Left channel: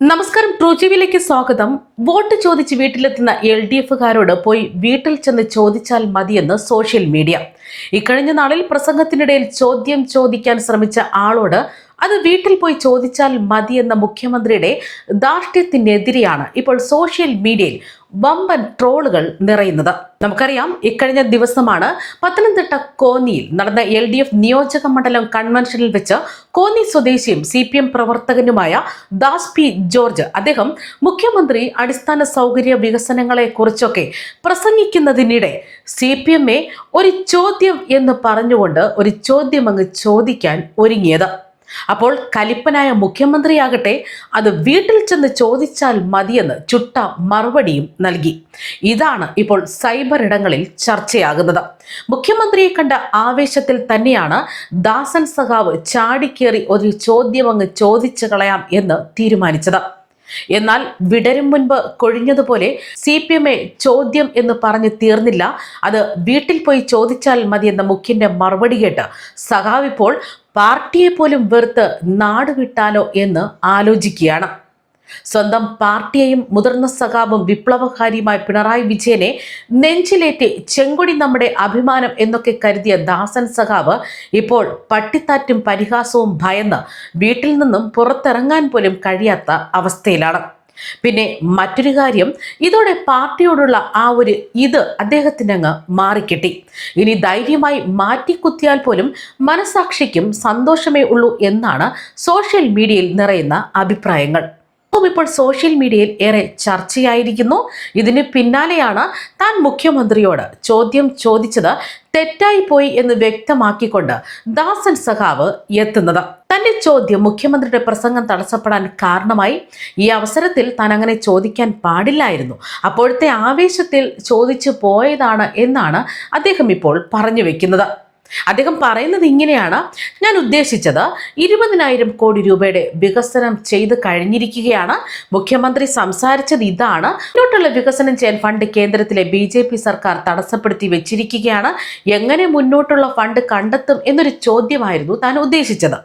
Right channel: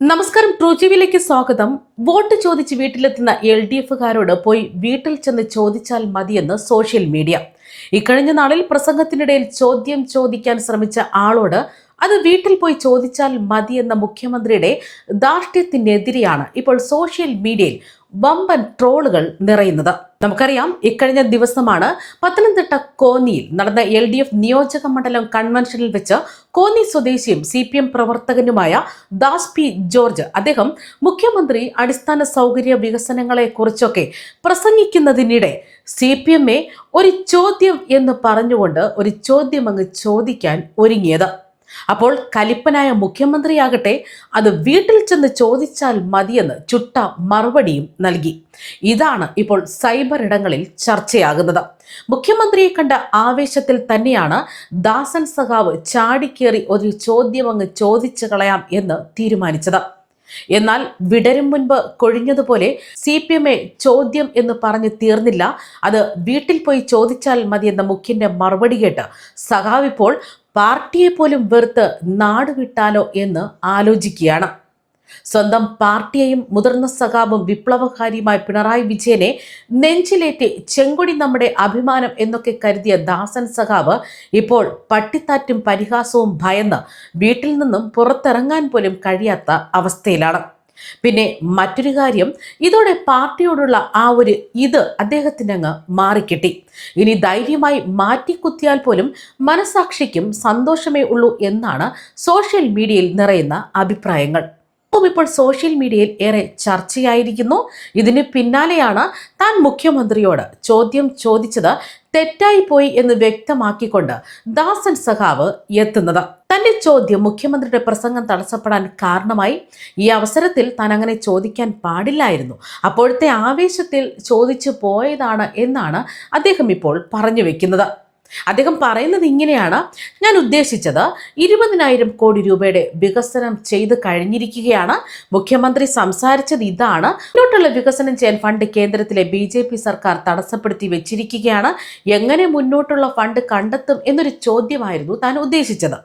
നമസ്കാരം. ട്രൂജീവിലേക്ക് സ്വാഗതം. വോട്ട് ചോദിച്ച് വീട്ടിലെത്തുന്ന LDFകാരോട് പോയി വീട്ടിൽ ചെന്ന് ചോദിച്ചാൽ മതിയെന്ന് സോഷ്യൽ മീഡിയ. ഇക്കഴിഞ്ഞ നാളിൽ പ്രസംഗത്തിനിടയിൽ ചോദ്യം ചോദിക്കാൻ ശ്രമിച്ച ആളോട് അത് വീട്ടിൽ പോയി ചോദിച്ചാൽ മതിയെന്ന മുഖ്യമന്ത്രിയുടെ ധാർഷ്ട്യത്തിനെതിരെയാണ് ഇപ്പോൾ സോഷ്യൽ മീഡിയയിൽ വമ്പൻ ട്രോളുകൾ നിറയുന്നത്. നമുക്കറിയാം, ഇക്കഴിഞ്ഞ ദിവസമാണ് പത്തനംതിട്ട കോന്നിയിൽ നടന്ന LDF നിയോജക മണ്ഡലം കൺവെൻഷനിൽ വെച്ച് കോന്നി സ്വദേശിയും CPM പ്രവർത്തകനുമായ ദാസ് പി ജോർജ് അദ്ദേഹം മുഖ്യമന്ത്രി അടിസ്ഥാന സൗകര്യ വികസനങ്ങളെ കുറിച്ചൊക്കെ പ്രസംഗിക്കുന്നതിനിടെ CPMയെ ഒരു ചോദ്യം എന്ന് പറഞ്ഞുകൊണ്ട് ഒരു ചോദ്യം അങ്ങ് ചോദിക്കാൻ ഒരുങ്ങിയത്. അപ്പോൾ കലിപ്പനായ മുഖ്യമന്ത്രിയാകട്ടെ അത് വീട്ടിൽ ചെന്ന് ചോദിച്ചാൽ മതിയെന്ന് ചുട്ട മറുപടിയും നൽകി. ഇതാണ് ഇപ്പോൾ സൈബർ ഇടങ്ങളിൽ ചർച്ചയാകുന്നത്. മുഖ്യമന്ത്രിയെ കണ്ട ആവേശത്തിൽ തന്നെയാണ് ദാസൻ സഖാവ് ചാടിക്കേറി ഒരു ചോദ്യം അങ്ങ് ചോദിച്ചു കളയാം എന്ന് തീരുമാനിച്ചത്. എന്നാൽ വിടരും മുൻപ് കൊഴിഞ്ഞതുപോലെ CPMയെ ചോദ്യം എന്ന് പറഞ്ഞ് തീർന്നില്ല. അത് വീട്ടിൽ പോയി ചോദിച്ചാൽ മതിയെന്ന മുഖ്യന്റെ മറുപടി കേട്ട് സഖാവ് ഇപ്പോൾ പാർട്ടിയെ പോലും വെറുത്ത് നാട് വിട്ടാലോ എന്ന് ആലോചിക്കുകയാണ്. സ്വന്തം പാർട്ടിയെയും മുതിർന്ന സഖാവും വിപ്ലവകാരിയുമായ പിണറായി വിജയനെ നെഞ്ചിലേറ്റി ചെങ്കൊടി നമ്മുടെ അഭിമാനം എന്നൊക്കെ കരുതിയ ദാസൻ സഖാവ് ഇപ്പോൾ പട്ടിത്താറ്റും പരിഹാസവും ഭയന്ന് വീട്ടിൽ നിന്നും പുറത്തിറങ്ങാൻ പോലും കഴിയാത്ത അവസ്ഥയിലാണ്. പിന്നെ മറ്റൊരു കാര്യം, ഇതോടെ പാർട്ടിയോടുള്ള ആ ഒരു അദ്ദേഹത്തിനങ്ങ് മാറിക്കിട്ടി. ഇനി ധൈര്യമായി മാറ്റിക്കുത്തിയാൽ പോലും മനസാക്ഷിക്കും സന്തോഷമേ ഉള്ളൂ എന്നാണ് സോഷ്യൽ മീഡിയയിൽ നിറയുന്ന അഭിപ്രായങ്ങൾ. ഇപ്പോൾ സോഷ്യൽ മീഡിയയിൽ ഏറെ ചർച്ചയായിരിക്കുന്നു. ഇതിന് പിന്നാലെയാണ് താൻ മുഖ്യമന്ത്രിയോട് ചോദ്യം ചോദിച്ചത് തെറ്റായി പോയി എന്ന് വ്യക്തമാക്കിക്കൊണ്ട് ദാസൻ സഖാവ് എത്തുന്നത്. തന്റെ ചോദ്യം മുഖ്യമന്ത്രിയുടെ പ്രസംഗം തടസ്സപ്പെടാൻ കാരണമായി. ഈ അവസരത്തിൽ താൻ അങ്ങനെ ചോദിക്കാൻ പാടില്ലായിരുന്നു, അപ്പോഴത്തെ ആവേശത്തിൽ ചോദിച്ചു പോയതാണ് എന്നാണ് അദ്ദേഹം ഇപ്പോൾ പറഞ്ഞു വെക്കുന്നത്. അദ്ദേഹം പറയുന്നത് ഇങ്ങനെയാണ്: ഞാൻ ഉദ്ദേശിച്ചത് 20,000 കോടി രൂപയുടെ വികസനം ചെയ്ത് കഴിഞ്ഞിരിക്കുകയാണ്. മുഖ്യമന്ത്രി സംസാരിച്ചത് ഇതാണ്: മുന്നോട്ടുള്ള വികസനം ചെയ്യാൻ ഫണ്ട് കേന്ദ്രത്തിലെ BJP സർക്കാർ തടസ്സപ്പെടുത്തി വെച്ചിരിക്കുകയാണ്. എങ്ങനെ മുന്നോട്ടുള്ള ഫണ്ട് കണ്ടെത്തും എന്നൊരു ചോദ്യമായിരുന്നു താൻ ഉദ്ദേശിച്ചത്.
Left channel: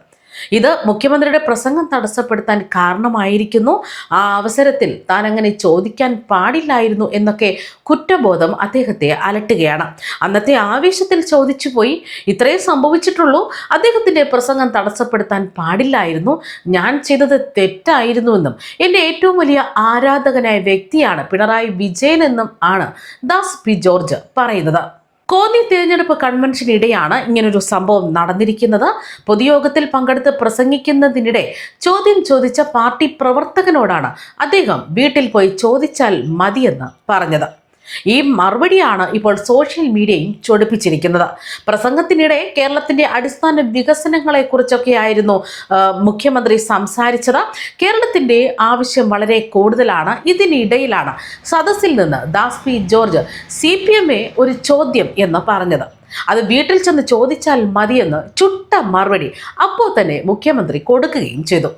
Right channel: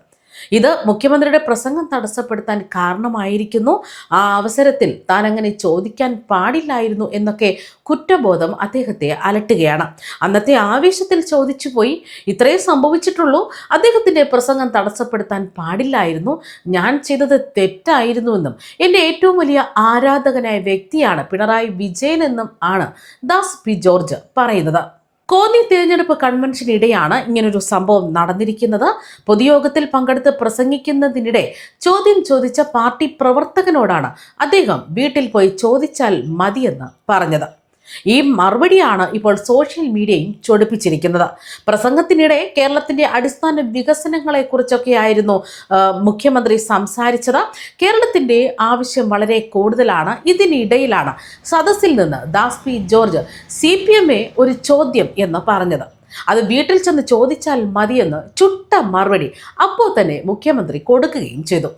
ഇത് മുഖ്യമന്ത്രിയുടെ പ്രസംഗം തടസ്സപ്പെടുത്താൻ കാരണമായിരിക്കുന്നു. ആ അവസരത്തിൽ താൻ അങ്ങനെ ചോദിക്കാൻ പാടില്ലായിരുന്നു എന്നൊക്കെ കുറ്റബോധം അദ്ദേഹത്തെ അലട്ടുകയാണ്. അന്നത്തെ ആവേശത്തിൽ ചോദിച്ചു പോയി, ഇത്രയേ സംഭവിച്ചിട്ടുള്ളൂ. അദ്ദേഹത്തിൻ്റെ പ്രസംഗം തടസ്സപ്പെടുത്താൻ പാടില്ലായിരുന്നു, ഞാൻ ചെയ്തത് തെറ്റായിരുന്നുവെന്നും എൻ്റെ ഏറ്റവും വലിയ ആരാധകനായ വ്യക്തിയാണ് പിണറായി വിജയൻ എന്നും ആണ് ദാസ് പി ജോർജ് പറയുന്നത്. കോന്നി തിരഞ്ഞെടുപ്പ് കൺവെൻഷനിടെയാണ് ഇങ്ങനൊരു സംഭവം നടന്നിരിക്കുന്നത്. പൊതുയോഗത്തിൽ പങ്കെടുത്ത് പ്രസംഗിക്കുന്നതിനിടെ ചോദ്യം ചോദിച്ച പാർട്ടി പ്രവർത്തകനോടാണ് അദ്ദേഹം വീട്ടിൽ പോയി ചോദിച്ചാൽ മതിയെന്ന് പറഞ്ഞത്. ഈ മറുപടിയാണ് ഇപ്പോൾ സോഷ്യൽ മീഡിയയും ചൊടിപ്പിച്ചിരിക്കുന്നത്. പ്രസംഗത്തിനിടെ കേരളത്തിന്റെ അടിസ്ഥാന വികസനങ്ങളെ കുറിച്ചൊക്കെ ആയിരുന്നു മുഖ്യമന്ത്രി സംസാരിച്ചത്. കേരളത്തിന്റെ ആവശ്യം വളരെ കൂടുതലാണ്. ഇതിനിടയിലാണ് സദസ്സിൽ നിന്ന് ദാസ് പി ജോർജ് CPMയെ ഒരു ചോദ്യം എന്ന് പറഞ്ഞത്. അത് വീട്ടിൽ ചെന്ന് ചോദിച്ചാൽ മതിയെന്ന് ചുട്ട മറുപടി അപ്പോൾ തന്നെ മുഖ്യമന്ത്രി കൊടുക്കുകയും ചെയ്തു.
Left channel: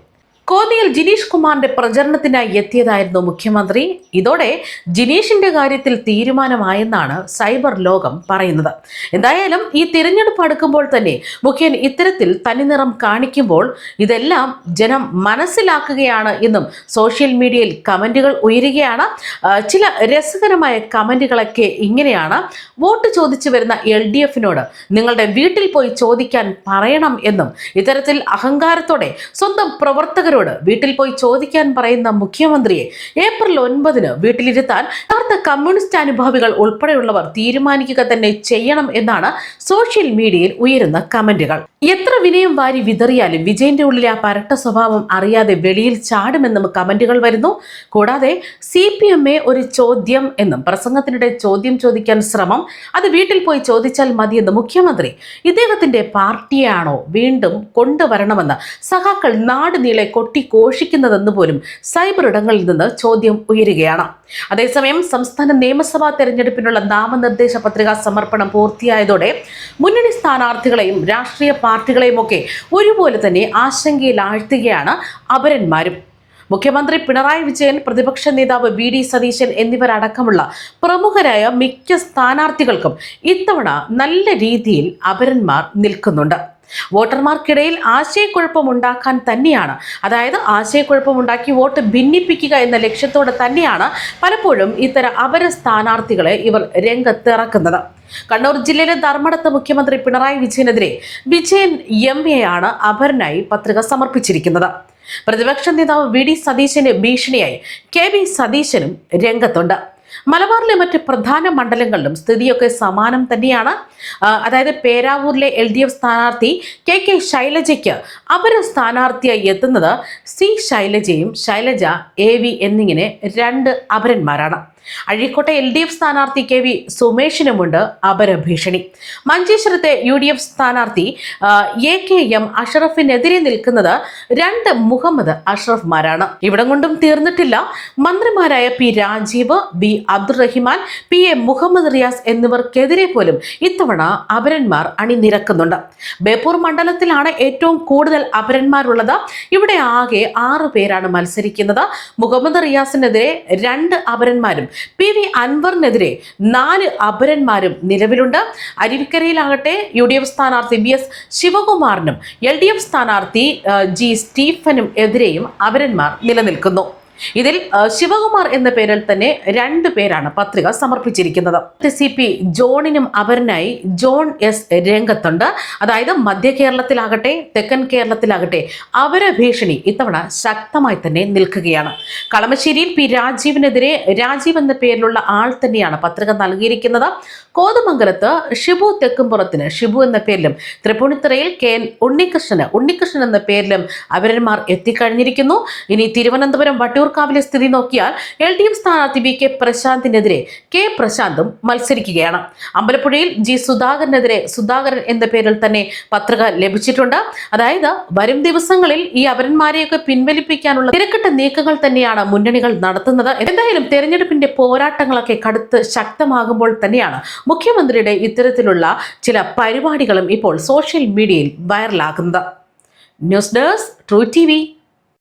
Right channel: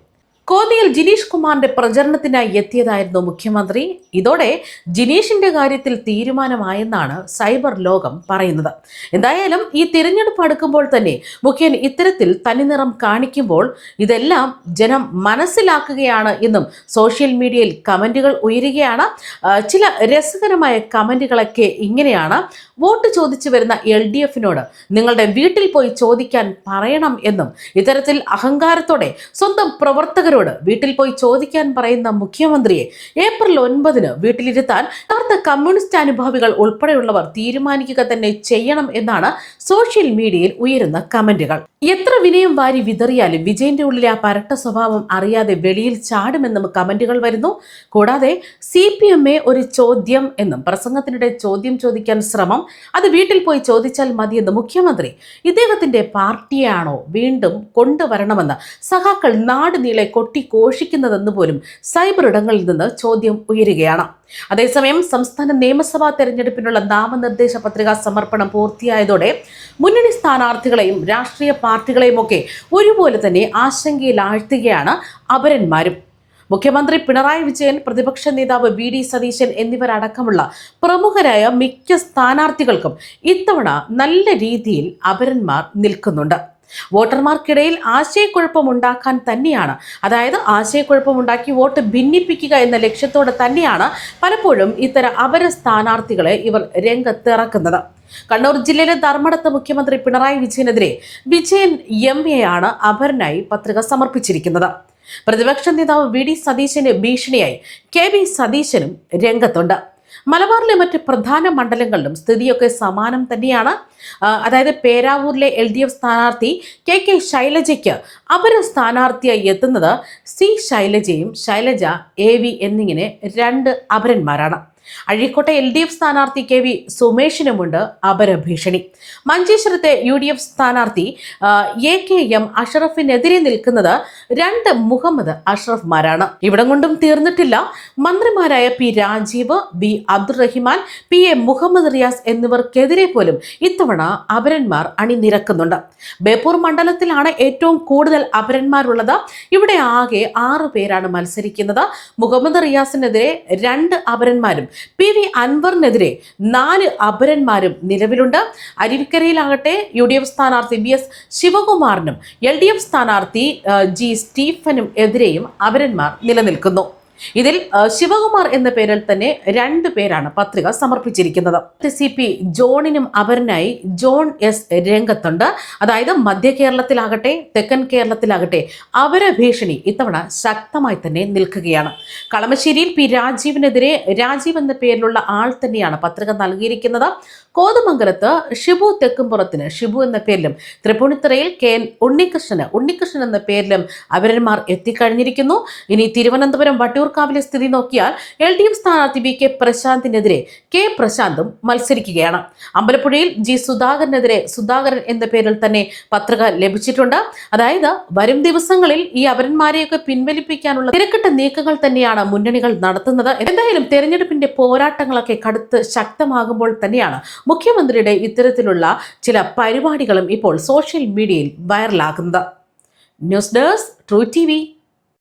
കോന്നിയിൽ ജിനീഷ് കുമാറിന്റെ പ്രചരണത്തിനായി എത്തിയതായിരുന്നു മുഖ്യമന്ത്രി. ഇതോടെ ജിനീഷിന്റെ കാര്യത്തിൽ തീരുമാനമായെന്നാണ് സൈബർ ലോകം പറയുന്നത്. എന്തായാലും ഈ തിരഞ്ഞെടുപ്പ് അടുക്കുമ്പോൾ തന്നെ മുഖ്യൻ ഇത്തരത്തിൽ തനിനിറം കാണിക്കുമ്പോൾ ഇതെല്ലാം ജനം മനസ്സിലാക്കുകയാണ് എന്നും സോഷ്യൽ മീഡിയയിൽ കമന്റുകൾ ഉയരുകയാണ്. ചില രസകരമായ കമന്റുകളൊക്കെ ഇങ്ങനെയാണ്: വോട്ട് ചോദിച്ചു വരുന്ന LDFനോട് നിങ്ങളുടെ വീട്ടിൽ പോയി ചോദിക്കാൻ പറയണം എന്നും, ഇത്തരത്തിൽ അഹങ്കാരത്തോടെ സ്വന്തം പ്രവർത്തകരോട് വീട്ടിൽ പോയി ചോദിക്കാൻ പറയുന്ന മുഖ്യമന്ത്രിയെ ഏപ്രിൽ 9 വീട്ടിലിരുത്താൻ യഥാർത്ഥ കമ്മ്യൂണിസ്റ്റ് അനുഭാവികൾ ഉൾപ്പെടെയുള്ളവർ തീരുമാനിക്കുക തന്നെ ചെയ്യണം എന്നാണ് സോഷ്യൽ മീഡിയയിൽ ഉയരുന്ന കമന്റുകൾ. എത്ര വിനയം വാരി വിതറിയാലും വിജയന്റെ ഉള്ളിലെ ആ പരട്ട സ്വഭാവം അറിയാതെ വെളിയിൽ ചാടുമെന്നും കമന്റുകൾ വരുന്നു. കൂടാതെ CPMയെ ഒരു ചോദ്യം എന്നും, പ്രസംഗത്തിനിടെ ചോദ്യം ചോദിക്കാൻ ശ്രമം, അത് വീട്ടിൽ പോയി ചോദിച്ചാൽ മതിയെന്ന് മുഖ്യമന്ത്രി ഇദ്ദേഹത്തിന്റെ പാർട്ടിയാണോ വീണ്ടും കൊണ്ടുവരണമെന്ന് സഖാക്കൾ നാട് നീളെ കൊട്ടിഘോഷിക്കുന്നതെന്ന് പോലും സൈബർ ഇടങ്ങളിൽ നിന്ന് ചോദ്യം ഉയരുകയാണ്. അതേസമയം സംസ്ഥാന നിയമസഭാ തെരഞ്ഞെടുപ്പിനുള്ള നാമനിർദ്ദേശ പത്രികാ സമർപ്പണം പൂർത്തിയായതോടെ മുന്നണി സ്ഥാനാർത്ഥികളെയും രാഷ്ട്രീയ പാർട്ടികളെയും ഒക്കെ ഒരുപോലെ തന്നെ ആശങ്കയിലാഴ്ത്തുകയാണ് അപരന്മാരും. മുഖ്യമന്ത്രി പിണറായി വിജയൻ, പ്രതിപക്ഷ നേതാവ് VD സതീശൻ എന്നിവരടക്കമുള്ള പ്രമുഖരായ മിക്ക സ്ഥാനാർത്ഥികൾക്കും ഇത്തവണ നല്ല രീതിയിൽ അപരന്മാർ നിൽക്കുന്നുണ്ട്. വോട്ടർമാർക്കിടയിൽ ആശയക്കുഴപ്പമുണ്ടാക്കാൻ തന്നെയാണ്, അതായത് ആശയക്കുഴപ്പമുണ്ടാക്കി വോട്ട് ഭിന്നിപ്പിക്കുക എന്ന ലക്ഷ്യത്തോടെ തന്നെയാണ് പലപ്പോഴും ഇത്തരം അപര സ്ഥാനാർത്ഥികളെ ഇവർ രംഗത്തിറക്കുന്നത്. കണ്ണൂർ ജില്ലയിലെ ധർമ്മടത്ത് മുഖ്യമന്ത്രി പിണറായി വിജയനെതിരെ വിജയൻ എംഎയാണ് അപരനായി പത്രിക സമർപ്പിച്ചിരിക്കുന്നത്. പ്രതിപക്ഷ നേതാവ് വി ഡി സതീശന് ഭീഷണിയായി കെ വി സതീശനും രംഗത്തുണ്ട്. മലബാറിലെ മറ്റ് പ്രധാന മണ്ഡലങ്ങളിലും സ്ഥിതിയൊക്കെ സമാനം തന്നെയാണ്. അതായത് പേരാവൂരിലെ LDF സ്ഥാനാർത്ഥി കെ ശൈലജയ്ക്ക് അപര സ്ഥാനാർത്ഥിയായി എത്തുന്നത് സി ശൈലജയും ശൈലജ AV എന്നിങ്ങനെ 2 അപരന്മാരാണ്. അഴീക്കോട്ടെ LDF സ്ഥാനാർത്ഥി KV സുമേഷിനുമുണ്ട് അപരഭീഷണി. മഞ്ചേശ്വരത്തെ UDF സ്ഥാനാർത്ഥി AKM അഷ്റഫിനെതിരെ നിൽക്കുന്നത് 2 മുഹമ്മദ് അഷ്റഫ്മാരാണ്. ഇവിടം കൊണ്ടും തീർന്നിട്ടില്ല. മന്ത്രിമാരായ P Rajeev, B Abdurahiman, PA Muhammad Riyas എന്നിവർക്കെതിരെ പോലും ഇത്തവണ അപരന്മാർ അണിനിരക്കുന്നുണ്ട്. ബേപ്പൂർ മണ്ഡലത്തിലാണ് ഏറ്റവും കൂടുതൽ അപരന്മാരുള്ളത്. ഇവിടെ ആകെ 6 പേരാണ് മത്സരിക്കുന്നത്. മുഹമ്മദ് റിയാസിനെതിരെ 2 അപരന്മാരും PV അൻവറിനെതിരെ 4 അപരന്മാരും നിലവിലുണ്ട്. അരുവിക്കരയിലാകട്ടെ UDF സ്ഥാനാർത്ഥി VS ശിവകുമാറിനും LDF സ്ഥാനാർത്ഥി G സ്റ്റീഫനും എതിരെയും അപരന്മാർ നിലനിൽക്കുന്നു. ഇതിൽ ശിവകുമാർ എന്ന പേരിൽ തന്നെ 2 പേരാണ് പത്രിക സമർപ്പിച്ചിരിക്കുന്നത്. CP ജോണിനും അപരനായി ജോൺ S രംഗത്തുണ്ട്. അതായത് മധ്യ കേരളത്തിലാകട്ടെ തെക്കൻ കേരളത്തിലാകട്ടെ അപരഭീഷണി ഇത്തവണ ശക്തമായി തന്നെ നിൽക്കുകയാണ്. കളമശ്ശേരിയിൽ P രാജീവിനെതിരെ രാജീവ് എന്ന പേരിലുള്ള ആൾ തന്നെയാണ് പത്രിക നൽകിയിരിക്കുന്നത്. കോതമംഗലത്ത് ഷിബു തെക്കുംപുറത്തിന് ഷിബു എന്ന പേരിലും തൃപ്പൂണിത്തുറയിൽ KN ഉണ്ണികൃഷ്ണൻ എന്ന പേരിലും അപരന്മാർ എത്തിക്കഴിഞ്ഞിരിക്കുന്നു. ഇനി തിരുവനന്തപുരം വട്ടിയൂർക്കാവിലെ സ്ഥിതി നോക്കിയാൽ LDF സ്ഥാനാർത്ഥി VK പ്രശാന്തിനെതിരെ K പ്രശാന്തും മത്സരിക്കുകയാണ്. അമ്പലപ്പുഴയിൽ G സുധാകരനെതിരെ സുധാകരൻ എന്ന പേരിൽ തന്നെ പത്രിക ലഭിച്ചിട്ടുണ്ട്. അതായത് വരും ദിവസങ്ങളിൽ ഈ അപരന്മാരെയൊക്കെ പിൻവലിപ്പിക്കാനുള്ള തിരക്കിട്ട നീക്കങ്ങൾ തന്നെയാണ് മുന്നണികൾ നടത്തുന്നത്. എന്തായാലും തെരഞ്ഞെടുപ്പിന്റെ പോരാട്ടങ്ങളൊക്കെ കടുത്ത് ശക്തമാകുമ്പോൾ തന്നെയാണ് മുഖ്യമന്ത്രിയുടെ ഇത്തരത്തിലുള്ള ചില പരിപാടികളും ഇപ്പോൾ സോഷ്യൽ മീഡിയയിൽ വൈറലാകുന്നത്. News desk true TV.